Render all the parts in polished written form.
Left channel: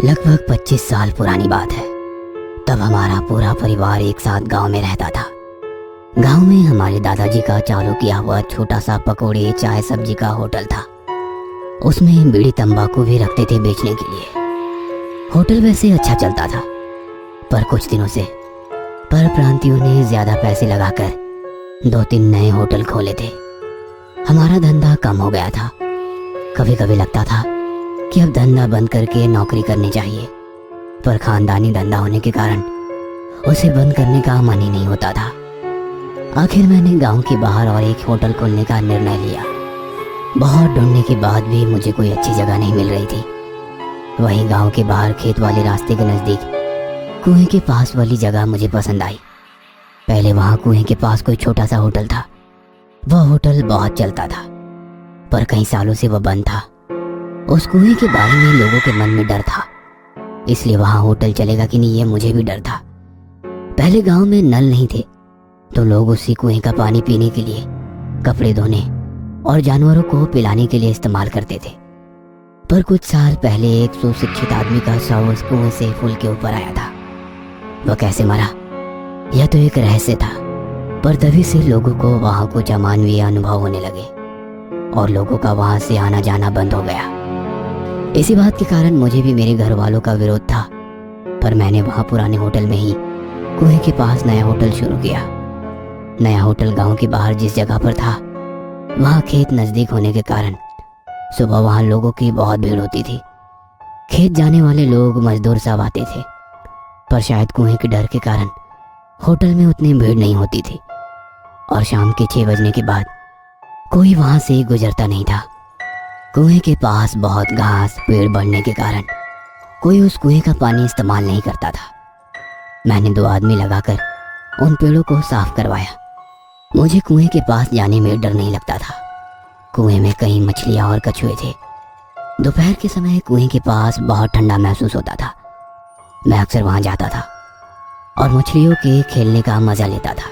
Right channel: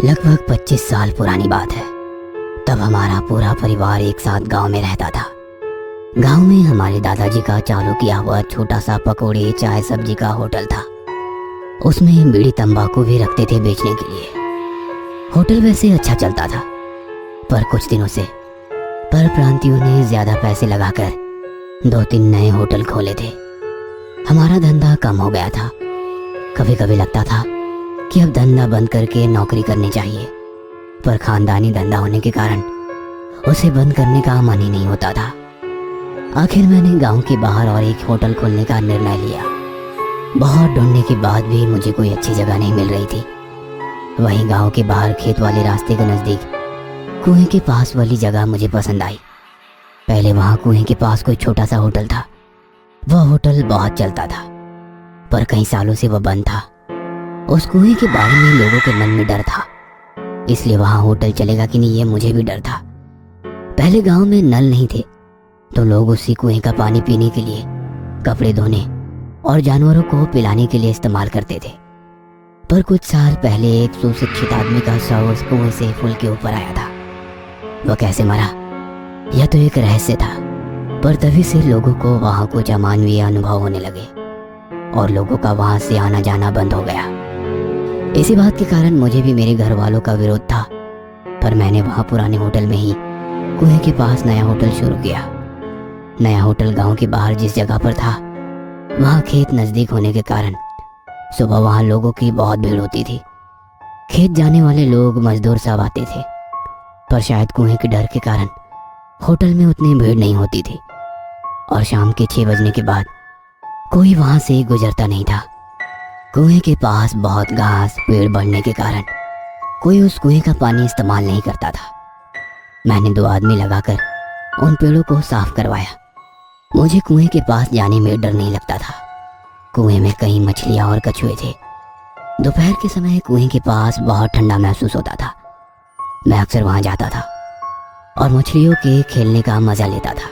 लगभग 25 साल पुरानी बात है। तब हमारा पूरा परिवार एक साथ गांव में रहता था। गांव में हमारे दादाजी का चालू किया हुआ छोटा सा पकौड़ी चाय सब्जी का होटल था। उसमें बीड़ी तंबाकू भी रखते थे बेचने के लिए। होटल वैसे अच्छा चलता था, पर कुछ दिनों से परप्रांतियों ने ज्यादा पैसे लगाकर 2-3 नए होटल खोले थे। हमारा धंधा कम हो गया था। कभी कभी लगता था कि अब धंधा बंद करके नौकरी करनी चाहिए, पर खानदानी धंधा होने के कारण उसे बंद करने का मन ही नहीं होता था। आखिर मैंने गांव के बाहर और एक होटल खोलने का निर्णय लिया। बहुत ढूंढने के बाद भी मुझे कोई अच्छी जगह नहीं मिल रही थी। वहीं गांव के बाहर खेत वाले रास्ते के नजदीक कुएं के पास वाली जगह मुझे पसंद आई। पहले वहां कुएं के पास कोई छोटा सा होटल था। वह होटल बहुत चलता था, पर कई सालों से वह बंद था। उस कुएं के बारे में लोगों के मन में डर था, इसलिए वहां होटल चलेगा कि नहीं ये मुझे भी डर था। पहले गांव में नल नहीं थे, तो लोग उसी कुएं का पानी पीने के लिए, कपड़े धोने और जानवरों को पिलाने के लिए इस्तेमाल करते थे। पर कुछ साल पहले एक सुशिक्षित आदमी का शव उस कुएं से पुल के ऊपर आया था। वह कैसे मरा यह तो एक रहस्य था, पर तभी से लोगों को वहां कुछ अमानवीय अनुभव होने लगे और लोगों का वहां से आना जाना बंद हो गया। इसी बात के कारण मुझे भी मेरे घर वालों का विरोध था, पर मैंने वहां पुराने होटल में ही कुएं के पास नया होटल शुरू किया। नया होटल गांव के बाहर जिस जगह पर था, वहां खेत नजदीक होने के कारण सुबह वहां लोगों की बहुत भीड़ होती थी। खेत जाने वाले लोग मजदूर सब आते थे, पर शायद कुएं के डर के कारण होटल में उतनी भीड़ नहीं होती थी और शाम के 6 बजने के बाद कोई वहां से गुजरता नहीं था। कुएं के पास बहुत घास पेड़ बढ़ने के कारण कोई उस कुएं का पानी इस्तेमाल नहीं करता था। मैंने 2 आदमी लगाकर उन पेड़ों को साफ करवाया। मुझे कुएं के पास जाने में डर नहीं लगता था। कुएं में कई मछलियां और कछुए थे। दोपहर के समय कुएं के पास बहुत ठंडा महसूस होता था। मैं अक्सर वहां जाता था और मछलियों के खेलने का मजा लेता था।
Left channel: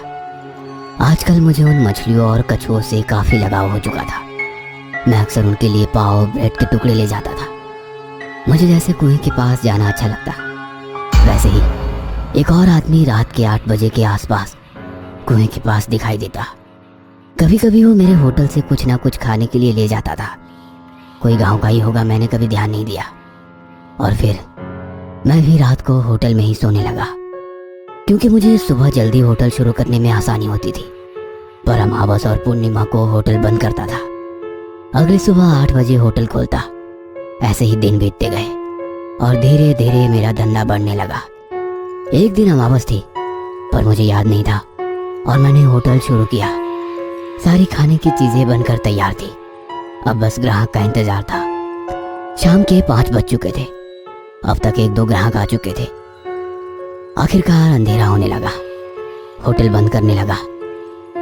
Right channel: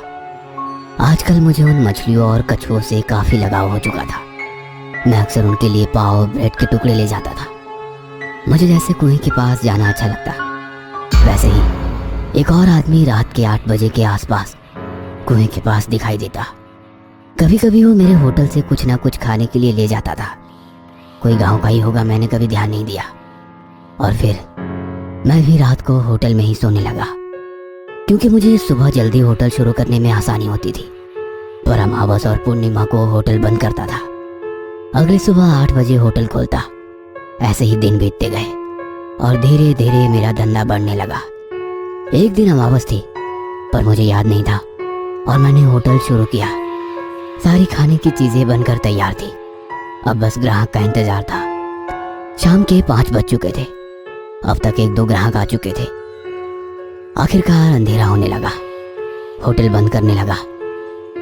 आजकल मुझे उन मछलियों और कछुओं से काफी लगाव हो चुका था। मैं अक्सर उनके लिए पाव ब्रेड के टुकड़े ले जाता था। मुझे जैसे कुएं के पास जाना अच्छा लगता, वैसे ही एक और आदमी रात के 8 बजे के आसपास कुएं के पास दिखाई देता। कभी कभी वो मेरे होटल से कुछ ना कुछ खाने के लिए ले जाता था। कोई गांव का ही होगा, मैंने कभी ध्यान नहीं दिया। और फिर मैं भी रात को होटल में ही सोने लगा, क्योंकि मुझे सुबह जल्दी होटल शुरू करने में आसानी होती थी। पर अमावस और पूर्णिमा को होटल बंद करता था। अगली सुबह 8 बजे होटल खोलता। ऐसे ही दिन बीतते गए और धीरे धीरे मेरा धंधा बढ़ने लगा। एक दिन अमावस थी, पर मुझे याद नहीं था और मैंने होटल शुरू किया। सारी खाने की चीजें बनकर तैयार थी। अब बस ग्राहक का इंतजार था। शाम के 5 बज चुके थे। अब तक 1-2 ग्राहक आ चुके थे। आखिरकार अंधेरा होने लगा। होटल बंद करने लगा।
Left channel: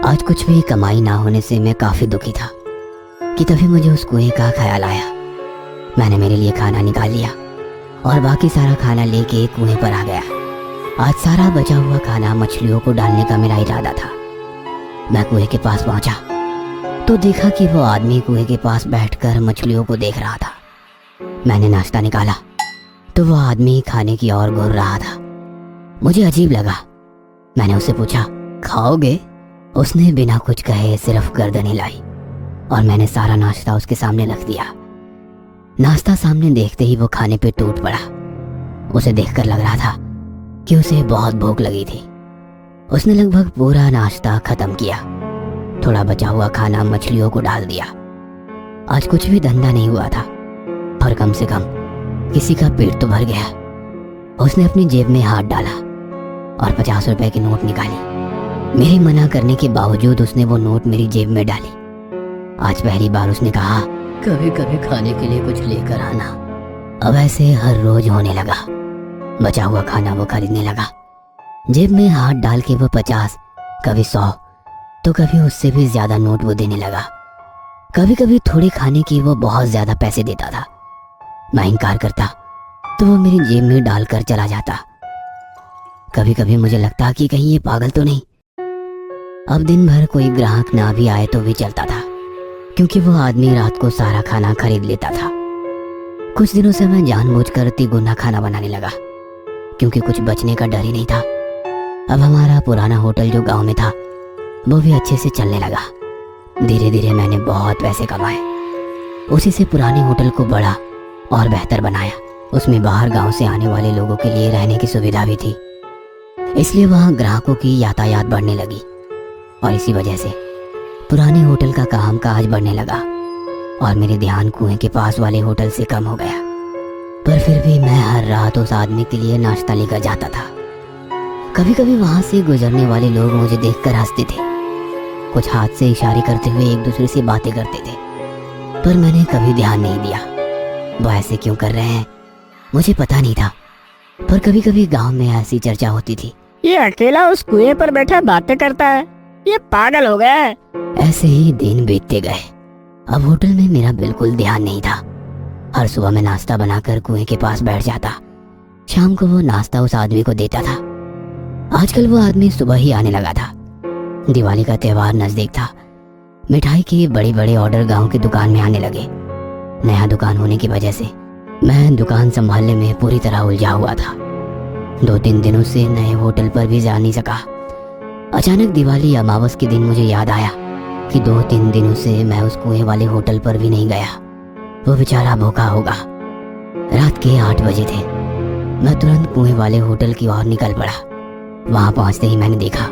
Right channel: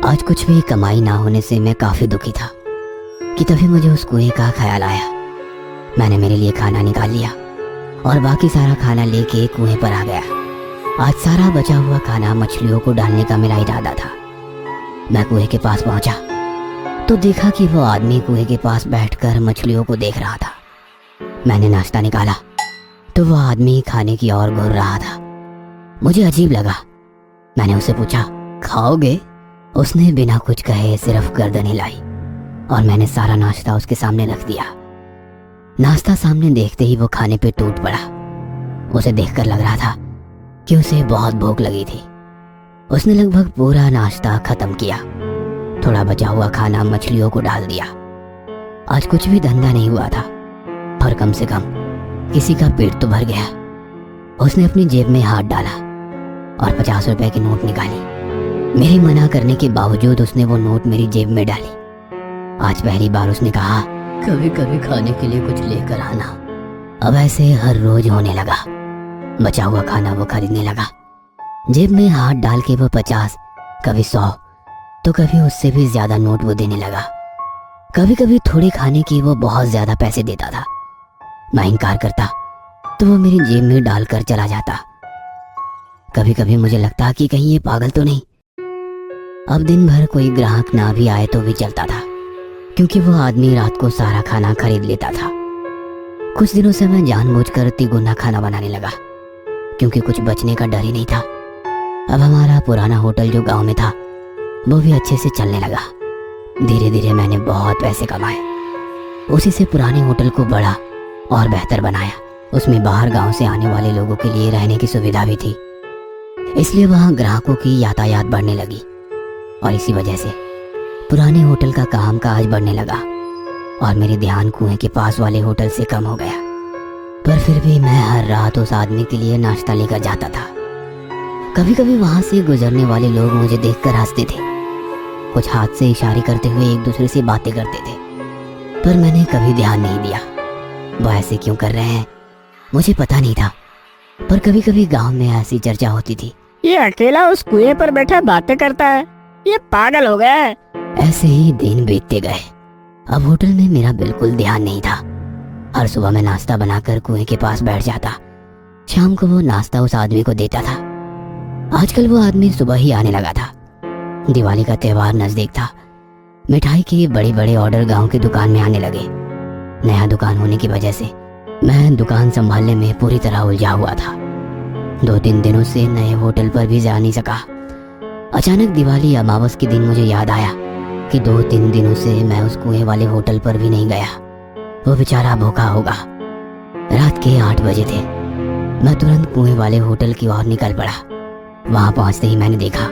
आज कुछ भी कमाई ना होने से मैं काफी दुखी था कि तभी मुझे उस कुएं का ख्याल आया। मैंने मेरे लिए खाना निकाल लिया और बाकी सारा खाना लेके कुएं पर आ गया। आज सारा बचा हुआ खाना मछलियों को डालने का मेरा इरादा था। मैं कुएं के पास पहुंचा तो देखा कि वो आदमी कुएं के पास बैठकर मछलियों को देख रहा था। मैंने नाश्ता निकाला तो वो आदमी खाने की ओर घूर रहा था। मुझे अजीब लगा। मैंने उससे पूछा, खाओगे? उसने बिना कुछ कहे सिर्फ गर्दन हिलाई और मैंने सारा नाश्ता उसके सामने रख दिया। नाश्ता सामने देखते ही वो खाने पे टूट पड़ा। उसे देखकर लग रहा था कि उसे बहुत भूख लगी थी। उसने लगभग पूरा नाश्ता खत्म किया। थोड़ा बचा हुआ खाना मछलियों को डाल दिया। आज कुछ भी धंधा नहीं हुआ था, पर कम से कम किसी का पेट तो भर गया। उसने अपनी जेब में हाथ डाला और 50 रुपए की नोट निकाली। मेरे मना करने के बावजूद उसने वो नोट मेरी जेब में डाली। आज पहली बार उसने कहा, कभी कभी खाने के लिए कुछ लेकर आना। अब ऐसे हर रोज होने लगा। बचा हुआ खाना वो खरीदने लगा। जेब में हाथ डाल के वो 50, कभी 100, तो कभी उससे भी ज्यादा नोट वो देने लगा। कभी कभी थोड़े खाने की वो बहुत ज्यादा पैसे देता था। मैं इनकार करता तो वो मेरी जेब में डालकर चला जाता। कभी कभी मुझे लगता कि कहीं ये पागल तो नहीं। अब दिन भर कोई ग्राहक ना भी आए तो भी चलता था, क्योंकि वो आदमी रात को सारा खाना खरीद लेता था। कुछ दिनों से मैं जानबूझकर तिगुना खाना बनाने लगा, क्योंकि कुछ बचने का डर ही नहीं था। अब हमारा पुराना होटल जो गांव में था वो भी अच्छे से चलने लगा। धीरे धीरे मैंने बहुत पैसे कमाए। उसी से पुराने होटल को बड़ा और बेहतर बनाया। उसमें बाहर गांव से आने वाले लोगों के लिए रहने की सुविधा भी थी, इसलिए वहां ग्राहकों की यातायात बढ़ने लगी और इसी वजह से पुराने होटल का काम काज बढ़ने लगा और मेरे ध्यान कुएं के पास वाले होटल से कम हो गया। पर फिर भी मैं हर रात उस आदमी के लिए नाश्ता लेकर जाता था। कभी कभी वहां से गुजरने वाले लोग मुझे देखकर हंसते थे, कुछ हाथ से इशारे करते हुए एक दूसरे से बातें करते थे, पर मैंने कभी ध्यान नहीं दिया। वो ऐसे क्यों कर रहे हैं मुझे पता नहीं था, पर कभी कभी गांव में ऐसी चर्चा होती थी, ये अकेला उस कुएं पर बैठे बातें करता है, ये पागल हो गया है। ऐसे ही दिन बीतते गए। अब होटल में मेरा बिल्कुल ध्यान नहीं था। हर सुबह मैं नाश्ता बनाकर कुएं के पास बैठ जाता। शाम को वो नाश्ता उस आदमी को देता था। आजकल वो आदमी सुबह ही आने लगा था। दिवाली का त्योहार नजदीक था। मिठाई के बड़े बड़े ऑर्डर गांव की दुकान में आने लगे। नया दुकान होने की वजह से मैं दुकान संभालने में पूरी तरह उलझा हुआ था। 2-3 दिनों से नए होटल पर भी जा नहीं सका। अचानक दिवाली अमावस के दिन मुझे याद आया कि 2-3 दिनों से मैं उस कुएं वाले होटल पर भी नहीं गया। वो बेचारा भूखा होगा। रात के 8 बजे थे। मैं तुरंत कुएं वाले होटल की ओर निकल पड़ा। वहां पहुंचते ही मैंने देखा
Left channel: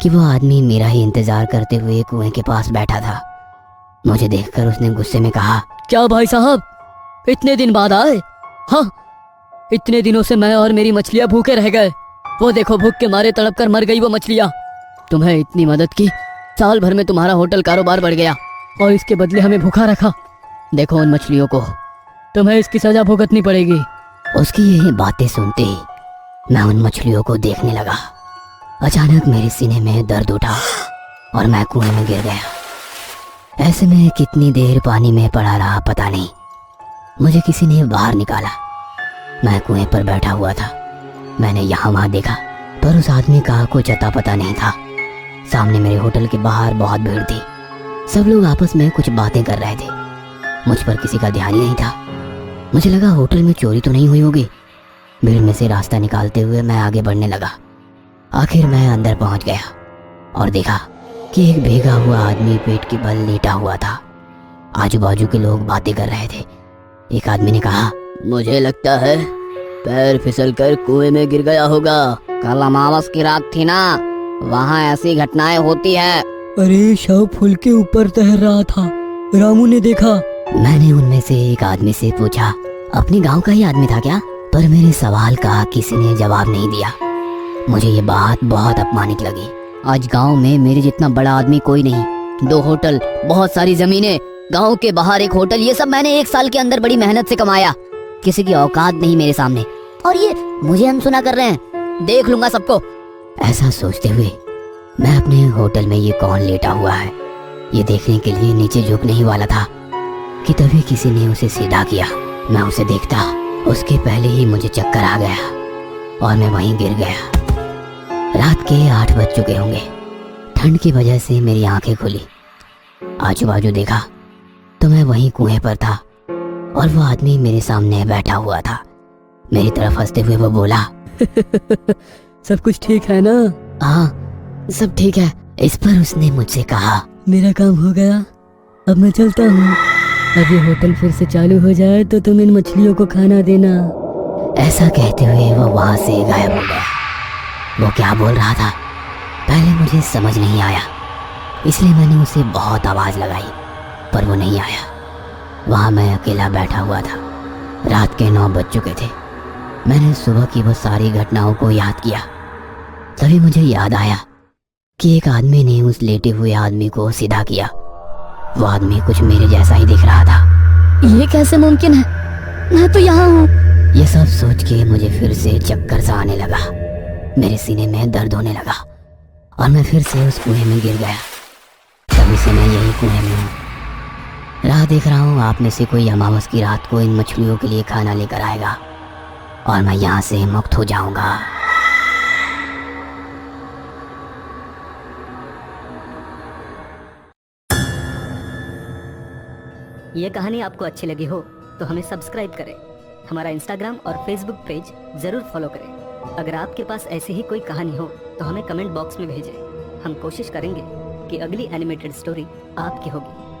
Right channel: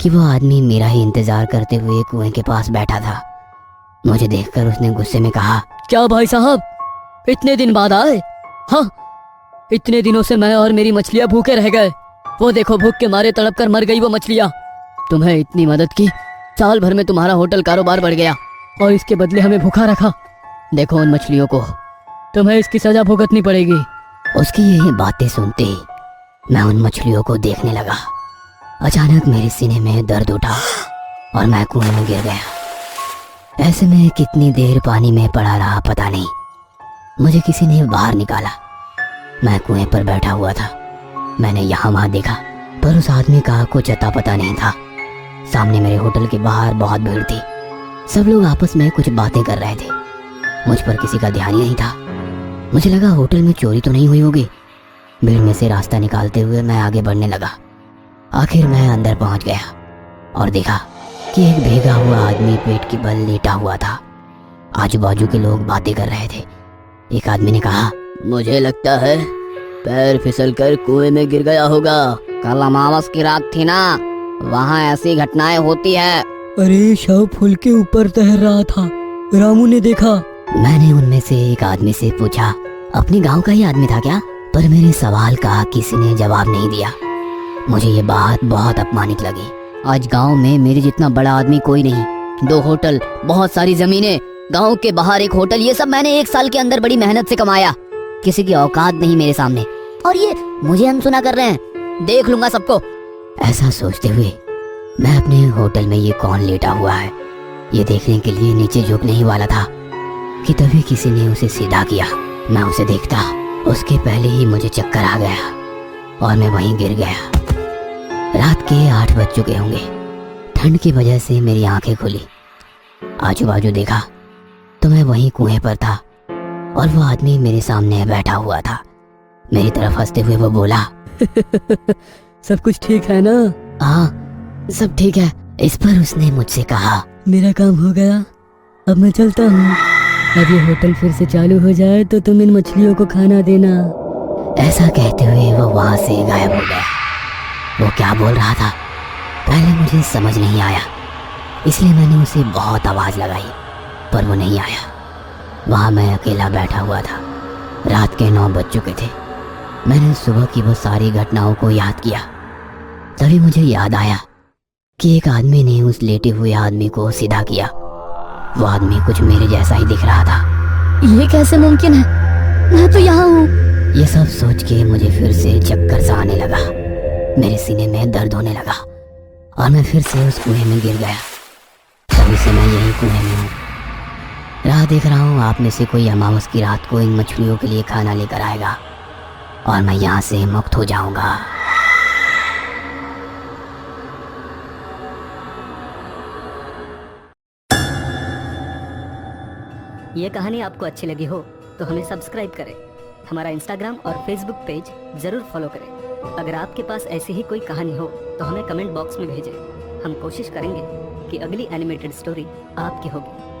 कि वो आदमी मेरा ही इंतजार करते हुए कुएं के पास बैठा था। मुझे देखकर उसने गुस्से में कहा, क्या भाई साहब, इतने दिन बाद आए? हाँ, इतने दिनों से मैं और मेरी मछलियाँ भूखे रह गए। वो देखो, भूख के मारे तड़प कर मर गई वो मछलियाँ। तुम्हें इतनी मदद की, साल भर में तुम्हारा होटल कारोबार बढ़ गया और इसके बदले हमें भूखा रखा। देखो उन मछलियों को, तुम्हें इसकी सजा भुगतनी पड़ेगी। उसकी यही बातें सुनते ही मैं उन मछलियों को देखने लगा। अचानक मेरे सीने में दर्द उठा और मैं कुएं में गिर गया। ऐसे में कितनी देर पानी में पड़ा रहा पता नहीं। मुझे किसी ने बाहर निकाला। मैं कुएं पर बैठा हुआ था। मैंने यहाँ वहां देखा, पर उस आदमी का कुछ अता पता नहीं था। सामने मेरे होटल के बाहर बहुत भीड़ थी। सब लोग आपस में कुछ बातें कर रहे थे। मुझ पर किसी का ध्यान ही नहीं था। मुझे लगा होटल में चोरी तो नहीं हुई होगी। भीड़ में से रास्ता निकालते हुए मैं आगे बढ़ने लगा। आखिर मैं अंदर पहुंच गया और देखा कि एक भीगा हुआ आदमी पेट के बल लेटा हुआ था। आजू बाजू के लोग बातें कर रहे थे। एक आदमी ने कहा, मुझे लगता है पैर फिसल कर कुएं में गिर गया होगा। कल अमावस की रात थी ना, वहाँ ऐसी घटनाएं होती है। अरे शव फूल के ऊपर तैर रहा था, रामू ने देखा। मैंने उनमें से एक आदमी से पूछा, अपने गांव का ही आदमी था क्या? पर मेरे सवाल का किसी ने जवाब नहीं दिया। मुझे ये बात बहुत अपमानित लगी। आज गांव में मेरे जितना बड़ा आदमी कोई नहीं। 2 होटल, बहुत सारी जमीनें, गांव के बाहर एक होटल, ये सब मैंने 1 साल के अंदर बड़ी मेहनत से कमाया। किसी की औकात नहीं मेरे सामने, और ये मुझे अनसुना कर रहे हैं। देख लूंगा सबको। ऐसा सोचते हुए मैं अपने होटल में ये कौन लेटा हुआ है ये देखने के लिए नीचे झुकने ही वाला था कि तभी किसी ने उसे सीधा किया। मैं उसे देखता, उसके पहले ही मुझे चक्कर आ गया और मैं वहीं गिर गया। रात के 8 बज चुके होंगे। ठंड की वजह से मेरी आंखें खुली। आजू बाजू देखा तो मैं वहीं कुएं पर था और वो आदमी मेरे सामने बैठा हुआ था। मेरी तरफ हंसते हुए वो बोला, सब कुछ ठीक है ना? हाँ, सब ठीक है। इस पर उसने मुझसे कहा, मेरा काम हो गया, अब मैं चलता हूँ। अब ये होटल फिर से चालू हो जाए तो तुम इन मछलियों को खाना देना। ऐसा कहते हुए वो वहां से गायब हो गया। वो क्या बोल रहा था पहले मुझे समझ नहीं आया, इसलिए मैंने उसे बहुत आवाज लगाई, पर वो नहीं आया। वहां मैं अकेला बैठा हुआ था। रात के 9 बज चुके थे। मैंने सुबह की वो सारी घटनाओं को याद किया। तभी मुझे याद आया कि एक आदमी ने उस लेटे हुए आदमी को सीधा किया। वो आदमी कुछ मेरे जैसा ही दिख रहा था। ये कैसे मुमकिन है? मैं तो यहाँ हूँ। ये सब सोच के मुझे फिर से चक्कर सा आने लगा। मेरे सीने में दर्द होने लगा और मैं फिर से उस कुएं में गिर गया। तभी से मैं यही कुएं में हूँ। राह देख रहा हूँ आप में से कोई अमावस की रात को इन मछलियों के लिए खाना लेकर आएगा और मैं यहाँ से मुक्त हो जाऊंगा। ये कहानी आपको अच्छी लगी हो तो हमें सब्सक्राइब करें। हमारा इंस्टाग्राम और फेसबुक पेज जरूर फॉलो करें। अगर आपके पास ऐसी ही कोई कहानी हो तो हमें कमेंट बॉक्स में भेजें। हम कोशिश करेंगे कि अगली एनिमेटेड स्टोरी आपकी होगी।